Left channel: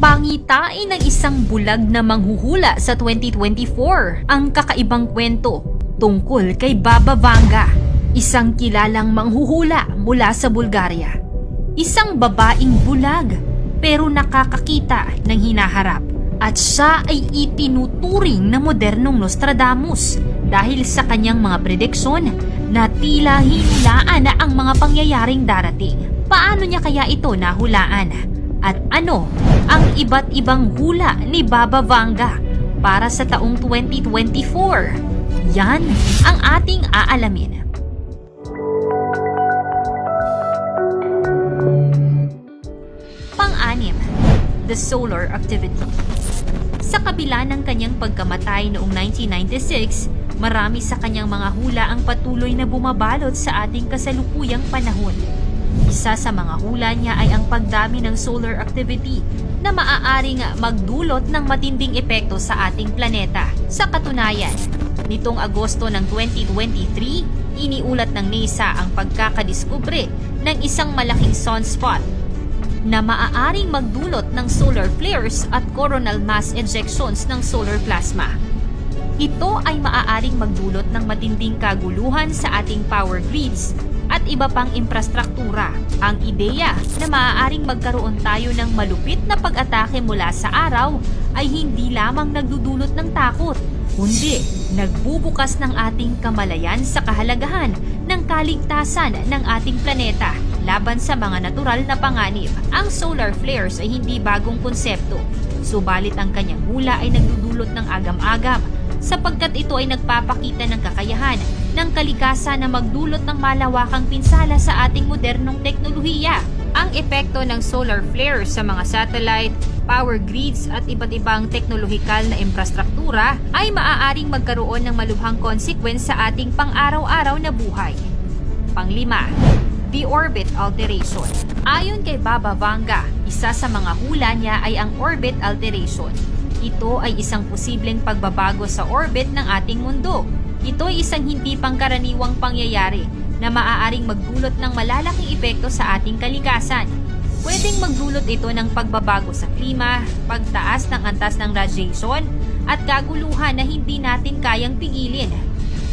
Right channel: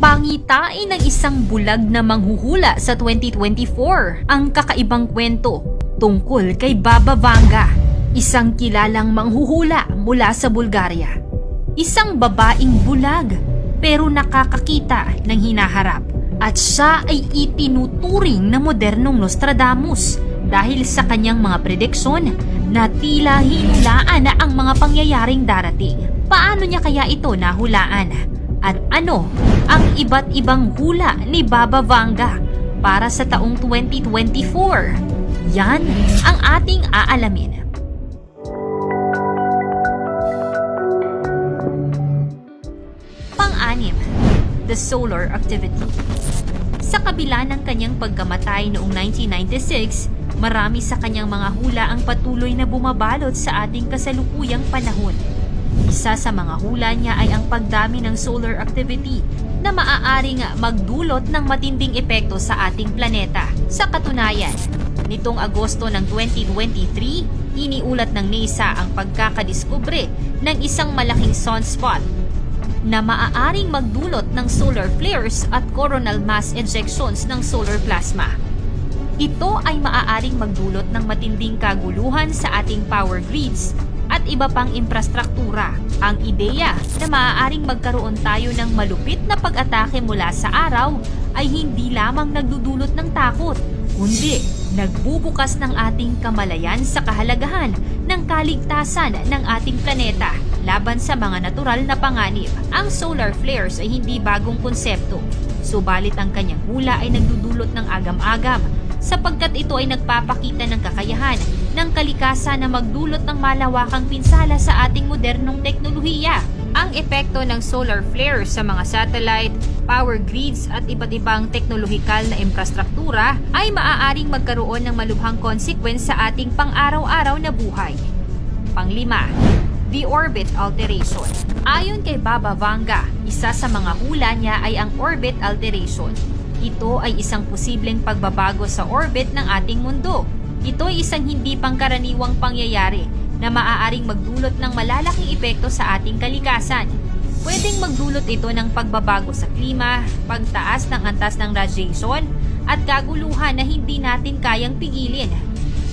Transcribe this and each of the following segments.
Pangitain ng isang bulag na manghuhula sa 2024 ang kakaibang kwento tungkol kay Baba Vanga, isang kilalang manghuhula mula sa Bulgaria. Isang babaeng bulag pero nakakakita ng hinaharap at siya ay itinuturing na modernong Nostradamus dahil sa kanyang mga prediksyon na tila hinulaan na ang mga pangyayaring darating. Paano niya kaya ito nahulaan? At ano ang iba't ibang hula ni Baba Vanga para sa taong 2024? Yan ang ating aalamin. Pang-anim, the solar activity. Sa kabila ng kanyang pagkamatay noong 1996, marami sa kanyang mga hula ang patuloy na bumabalot sa ating kasalukuyang panahon. Isa sa mga hula niya ay ang pagdami ng solar activity na maaaring magdulot ng matinding epekto sa ating planeta. Sa katunayan, nitong Agosto ng 2023, iniulat ng NASA ang pagkakadiskubre ng isang malaking sunspot na maaaring magdulot ng solar flares at coronal mass ejections ng solar plasma. Ito ay maaaring magdulot ng matinding kaguluhan sa ating power grids at iba pang infrastruktura. Ang ideya na maaaring magkaroon tayo ng malupit na pag-atake mula sa araw ay hindi lamang nagdudulot ng takot, kundi nagbubukas ng ating kamalayan sa kahalagahan ng kaligtasan ng ating planeta laban sa mga natural na panganib. Ang solar flares ay hindi bagong konsepto, subalit ang kanyang hula ay nagdudulot ng agam-agam sapagkat ito ay nagpapakita ng kakayahan ng kalikasan na magdulot ng malawakang pinsala sa ating modernong teknolohiya. Ang epekto ng solar flares sa mga satellite, power grids at iba't ibang teknolohikal na infrastruktura ay maaaring magkaroon ng malubhang consequence sa ating pang-araw-araw na buhay. Pang-5, the orbit alteration. Ayon kay Baba Vanga, isa sa mga hula niya ay ang orbit alteration. Ito ay isang posibleng pagbabago sa orbit ng ating mundo. Ito ay isang hindi pangkaraniwang pangyayari na maaaring magdulot ng malalaking epekto sa ating kalikasan. Pwedeng magdulot ito ng pagbabago sa klima, pagtaas ng antas ng radiation, at kaguluhan na hindi natin kayang pigilin.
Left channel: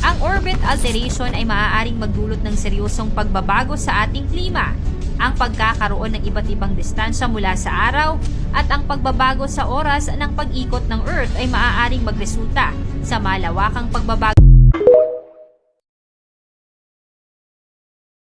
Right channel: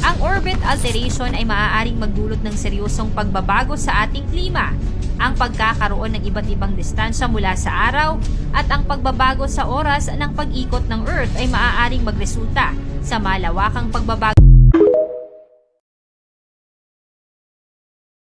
Ang orbit alteration ay maaaring magdulot ng seryosong pagbabago sa ating klima, ang pagkakaroon ng iba't ibang distansya mula sa araw, at ang pagbabago sa oras ng pag-ikot ng Earth ay maaaring magresulta sa malawakang pagbabago